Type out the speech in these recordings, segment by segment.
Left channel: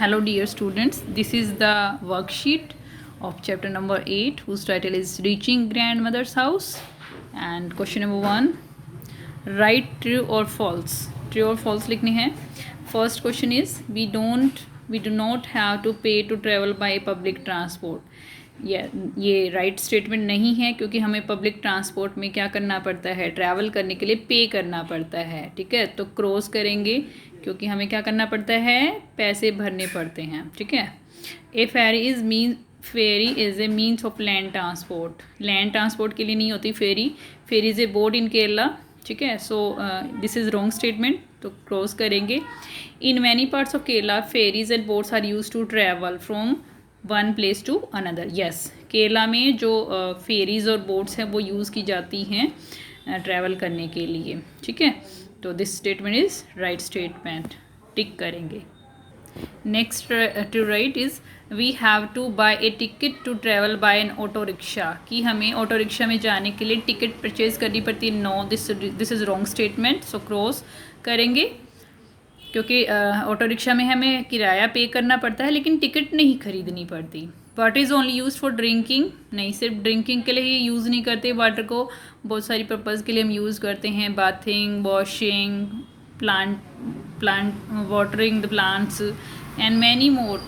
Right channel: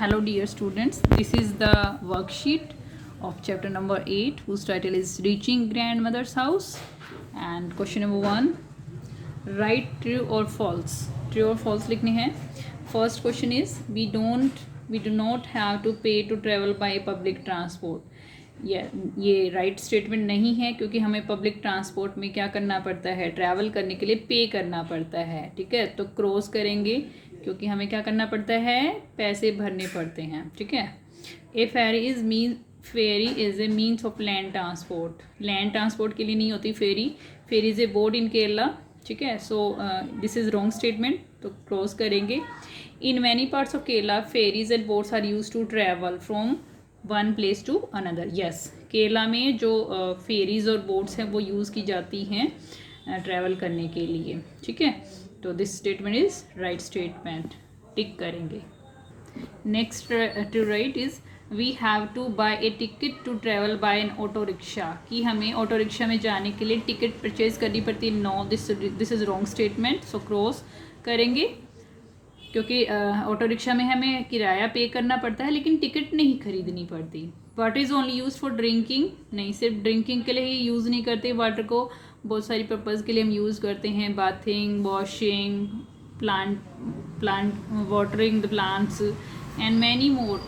Hello dear students, this is the worksheet of chapter number 8 whose title is Reaching Grandmother's House, and question number 1, write true or false. True or false लिखने हैं. First question is we do not have to pay to travel by public transport. ये right statement नहीं है क्योंकि हमें public transport में क्या करना पड़ता है, ट्रैवल करने के लिए पे करना पड़ता है. ठीक है, तो क्रॉस करेंगे क्योंकि हमें क्या करना पड़ता है, पैसे भरने पड़ते हैं. ठीक है. A ferry is a means of land transport. Land transport के लिए नहीं होती ferry. Ferry is a boat in Kerala. ठीक है, so this is wrong statement, तो क्रॉस करेंगे. In many parts of Kerala ferries and boats are use to travel from one place to another. Yes, Kerala में जो फेरीज और बोट्स हैं वो use की जाती हैं ट्रैवल करने के लिए. ठीक है, तो this statement is right statement, tick करेंगे. Next to right is we have to buy a ticket to travel by an auto rickshaw. कि हमें ऑटो रिक्शा में जाने के लिए टिकट परचेज करनी पड़ती है. No, this is wrong statement, so cross करेंगे क्योंकि ऑटो रिक्शा में हमें किराया पे करना पड़ता है लेकिन टिकट नहीं खरीदनी पड़ती. Water is only use for drinking. नहीं, सिर्फ ड्रिंकिंग के लिए ही यूज़ नहीं करते वाटर को, बहुत सारी पर्पज़ के लिए हम यूज़ करते हैं. Bathing, washing, plant watering the plants and many more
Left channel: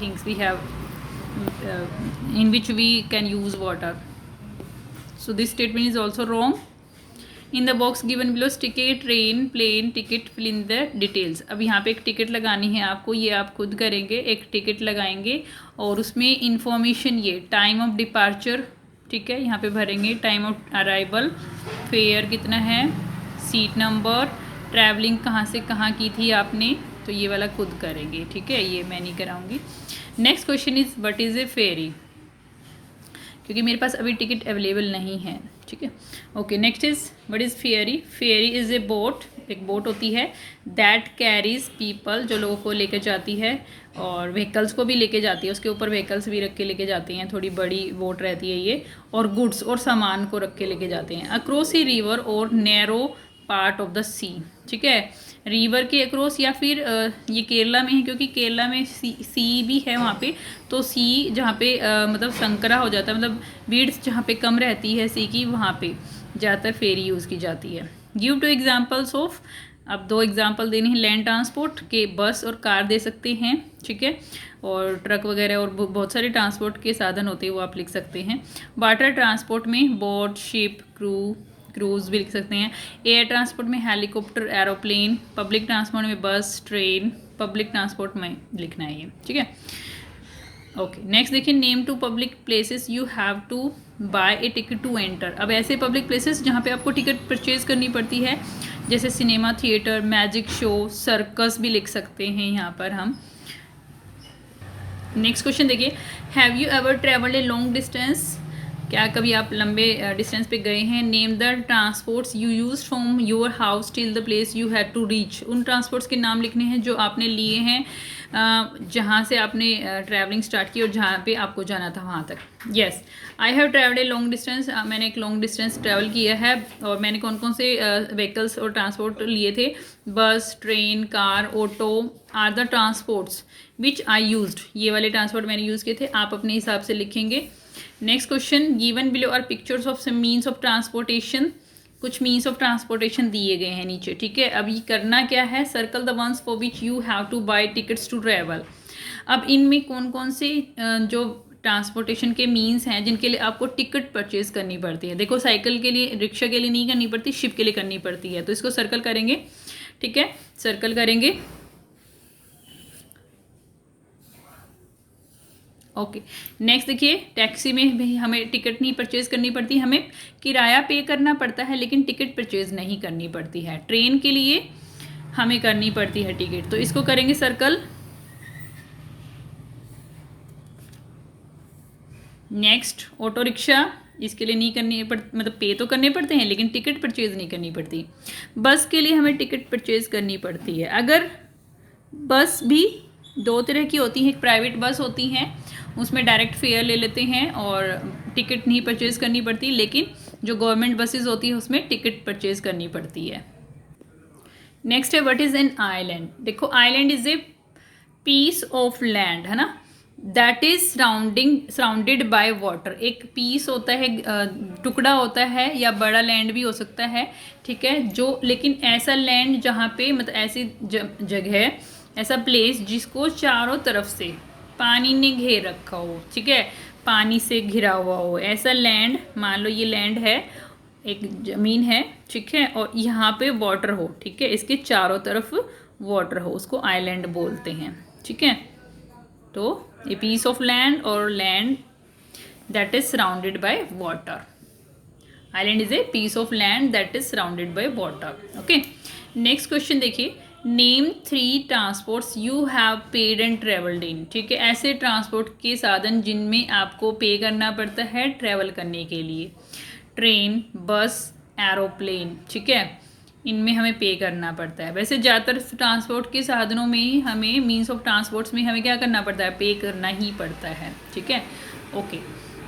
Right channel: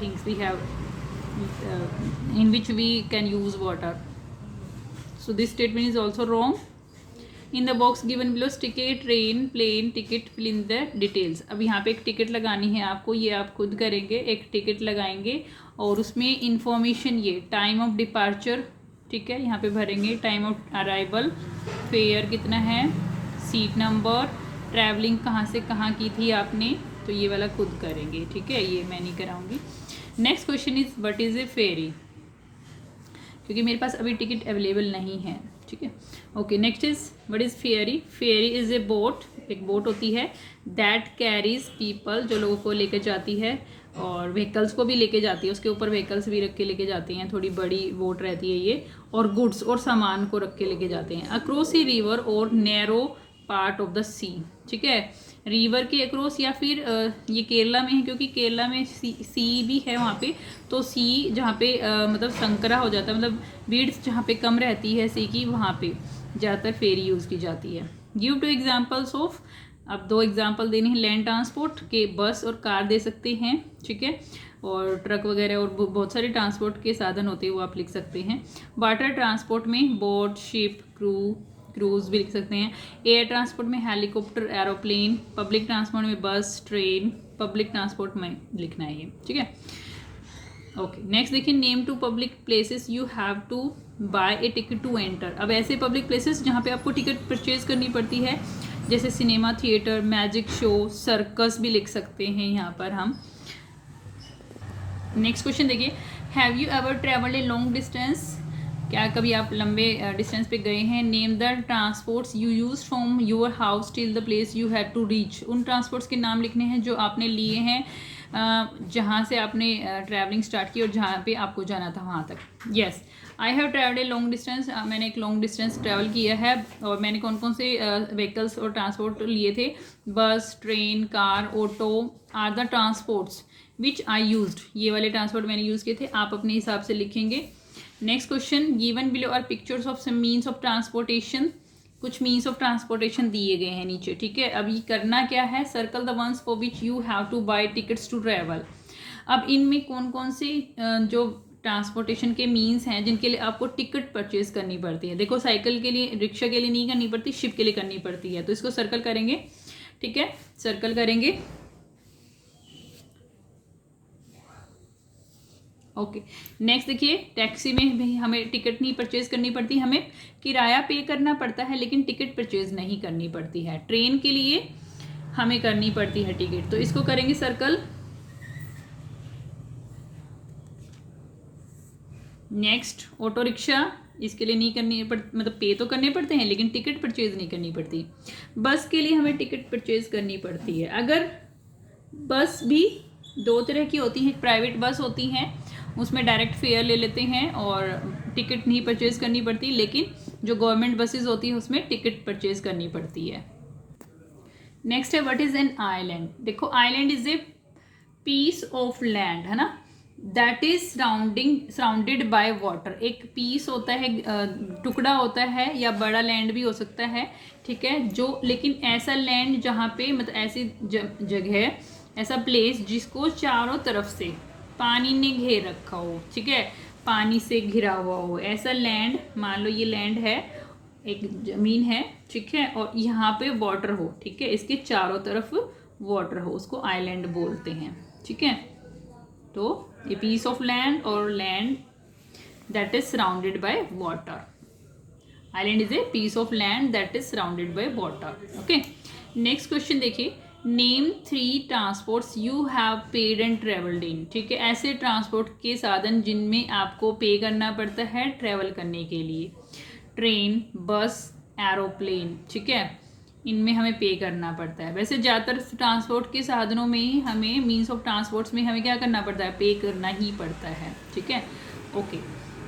things we have in which we can use water. So this statement is also wrong. In the box given below stick a train, plane ticket, fill in the details. अब यहाँ पे एक ticket लगानी है आपको, ये आप खुद करेंगे. एक टिकट लगाएंगे और उसमें इंफॉर्मेशन, ये टाइम ऑफ डिपार्चर, ठीक है, यहाँ पे भरेंगे. टाइम ऑफ अराइवल, फेयर कितना है, सीट नंबर, ट्रैवलिंग कहाँ से कहाँ की थी आपने, तो ये वाला खुद करेंगे. ठीक है, ये मैं नहीं कराऊंगी. Next question is what is a ferry, क्योंकि मेरे पास अभी टिकट अवेलेबल नहीं है. ठीक है, okay. Next is what is ferry. Ferry is a boat, एक बोट होती है दैट कैरीज पीपल, जो लोगों को लेकर जाती है और व्हीकल्स को भी लेके जाती है. उसके ऊपर व्हीकल्स भी रख के लेके जाती हैं, थोड़ी बड़ी बोट रहती है ये, और गुड्स और सामान को रख के लेके जाते हैं. अक्रॉस ए रिवर और नैरो पार्ट ऑफ द सी. ठीक है, रिवर के अक्रॉस या फिर ये केरला में है क्योंकि केरला में सी भी है वहाँ पे, तो सी जहाँ पे मतलब संकरा हो जाता है, मतलब विड्थ जहाँ पे कम रहती है सी की, वहाँ पे ज़्यादातर फेरी यूज़ की जाती है. गिव टू एग्जांपल्स ऑफ, अब 2 एग्जांपल देने हैं. लैंड ट्रांसपोर्ट के बस और कार दे सकते हैं. ठीक है, और ट्रक वगैरह और बहुत सारे ट्रांसपोर्ट के साधन होते हैं वो आप लिख सकते हैं. वाटर ट्रांसपोर्ट में बोट, शिप, क्रूज़ भी लिख सकते हैं. एयर ट्रांसपोर्ट में हेलीकॉप्टर, एरोप्लेन. पब्लिक ट्रांसपोर्ट में बस, ट्रेन. पब्लिक ट्रांसपोर्ट में लिखना है ये. ठीक है, ओके. नेक्स्ट देखिए, name to public places you have to buy a ticket to enter. अब ऐसे पब्लिक प्लेसेस जहाँ पे आपको टिकट परचेज करनी पड़ती है, जैसे cinema theatre, magic show, circus भी लिख सकते हैं यहाँ पर हम. नेक्स्ट क्वेश्चन देखिए, have you ever travelled a long distance. क्या कभी आप लंबे डिस्टेंस पे गए हैं. Name the transports you use from your house till the place you have to reach. उन ट्रांसपोर्ट्स के नाम लिखने हैं जो आपने लिए हैं जहाँ से आपने ट्रैवलिंग स्टार्ट की और जहाँ पे आपको जाना था वहाँ तक. Yes, I have travelled A long distance. मैंने एक लॉन्ग डिस्टेंस ट्रैवल किया है. और मैंने कौन कौन से व्हीकल्स और ट्रांसपोर्ट लिए थे. Bus, train, car, auto are the transports which I used. ये वाले ट्रांसपोर्ट मैंने यूज़ किए थे, आप अपने हिसाब से लिखेंगे. Next question, given below are pictures of some means of transportation. कुछ मीन्स ऑफ ट्रांसपोर्टेशन दिए गए हैं नीचे. ठीक है, अब ये करना क्या है, circle the ones for which you have to buy tickets to travel. अब इनमें कौन कौन से जो ट्रांसपोर्टेशन के मीन्स हैं जिनके लिए आपको टिकट परचेज करनी पड़ती है. देखो, साइकिल के लिए, रिक्शा के लिए नहीं करनी पड़ती, शिप के लिए करनी पड़ती है. तो इसको सर्कल करेंगे. ठीक है, सर्कल करेंगे. ओके. नेक्स्ट देखिए, टैक्सी में भी हमें टिकट नहीं परचेज करनी पड़ती, हमें किराया पे करना पड़ता है लेकिन टिकट परचेज नहीं करनी पड़ती है. ट्रेन के लिए हमें करनी पड़ती है टिकट, तो इसको करेंगे सर्कल. नेक्स्ट, ऑटो रिक्शा, इसके लिए नहीं करनी मतलब पे तो करने पड़ते हैं लेकिन टिकट परचेज नहीं करनी पड़ती. बस के लिए हमें टिकट परचेज करनी पड़ती है. अगर बस भी 2 तरह की होती हैं. एक प्राइवेट बस होती हैं, उसमें डायरेक्ट फेयर ले लेते हैं और टिकट नहीं परचेज करनी पड़ती, लेकिन जो गवर्नमेंट बसेस होती है उसमें टिकट परचेज करनी पड़ती है. नेक्स्ट है व्हाट इज़ एन आइलैंड. देखो, island is a piece of land, है ना, that is surrounded by water. एक पीस होता है, टुकड़ा होता है या बड़ा लैंड भी हो सकता है, ठीक है, जो लेकिन ऐसा लैंड जहाँ पे मतलब ऐसी जगह, ऐसा प्लेस जिसको चारों तरफ से पानी ने घेर रखा हो, ठीक है, पानी से घिरा हुआ हो, ऐसा लैंड, मान लो ये लैंड है, एक ज़मीन है, ठीक है, और यहाँ पे वाटर हो, ठीक है, इसके चारों तरफ वाटर हो, उसको आइलैंड बोलते हैं, ठीक है। तो ए पीस ऑफ लैंड और land that is surrounded by water, island is a piece of land that is surrounded by water. Okay, next question देखिए, name 3 transports you have paid and travelled in, ठीक है, ऐसे transport के साधन जिनमें आपको पे करना पड़ता है ट्रेवल करने के लिए। ट्रेन, बस, एरोप्लेन, ठीक है, इनमें हमें पे करना पड़ता है। वैसे ज़्यादातर ट्रांसपोर्ट के साधनों में ही हमें, मीन्स ऑफ ट्रांसपोर्ट्स में हमें क्या करना पड़ता है, पे करना ही पड़ता है, ठीक है। Okay,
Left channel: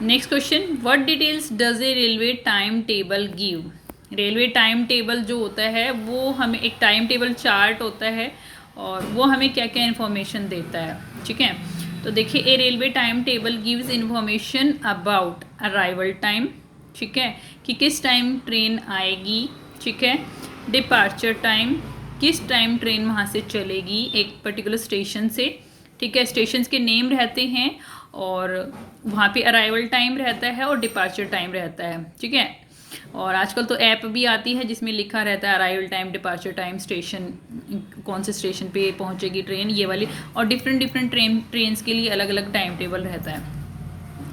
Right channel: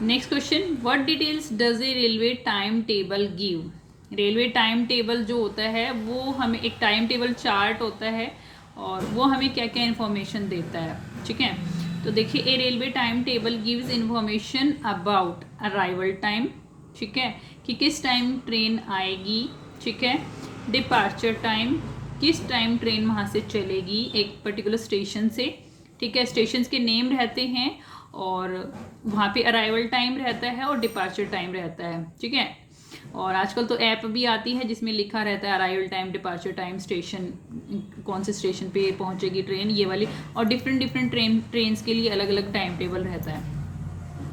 next question, what details does a railway time table give. Railway time table जो होता है वो हमें, एक टाइम टेबल चार्ट होता है और वो हमें क्या क्या इन्फॉर्मेशन देता है, ठीक है। तो देखिए, a railway time table gives information about arrival time, ठीक है, कि किस टाइम ट्रेन आएगी, ठीक है, डिपार्चर टाइम, किस टाइम ट्रेन वहाँ से चलेगी एक पर्टिकुलर स्टेशन से, ठीक है, स्टेशंस के नेम रहते हैं और वहाँ पे अराइवल टाइम रहता है और डिपार्चर टाइम रहता है, ठीक है। और आजकल तो ऐप भी आती है जिसमें लिखा रहता है arrival time, departure time, station, कौन से स्टेशन पे पहुँचेगी ट्रेन, ये वाली, और डिफरेंट ट्रेन्स के लिए अलग अलग टाइम टेबल रहता है।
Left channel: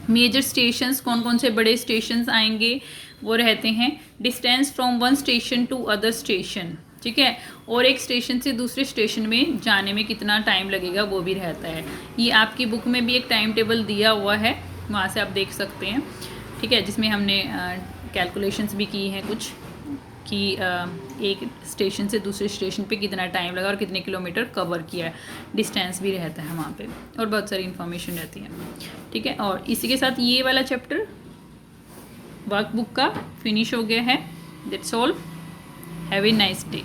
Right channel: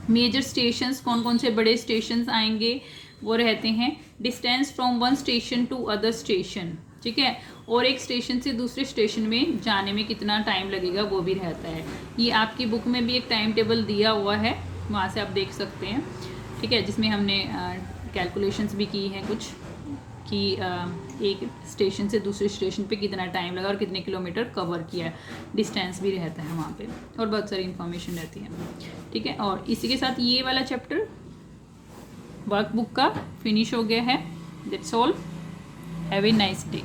मेजर स्टेशंस, कौन कौन से बड़े स्टेशंस आएंगे, वो रहते हैं distance from one station to other station, ठीक है, और एक स्टेशन से दूसरे स्टेशन में जाने में कितना टाइम लगेगा वो भी रहता है। ये आपकी बुक में भी एक टाइम टेबल दिया हुआ है, वहाँ से आप देख सकते हैं, ठीक है, जिसमें हमने कैलकुलेशंस भी की हैं कुछ, कि एक स्टेशन से दूसरे स्टेशन पे कितना टाइम लगा और कितने किलोमीटर कवर किया है, डिस्टेंस भी रहता है वहाँ पे, और बहुत सारी इन्फॉर्मेशन रहती है, ठीक है। और इसी के साथ ये वाला चैप्टर वर्कबुक का फिनिश हो गया है। That's all, have a nice day.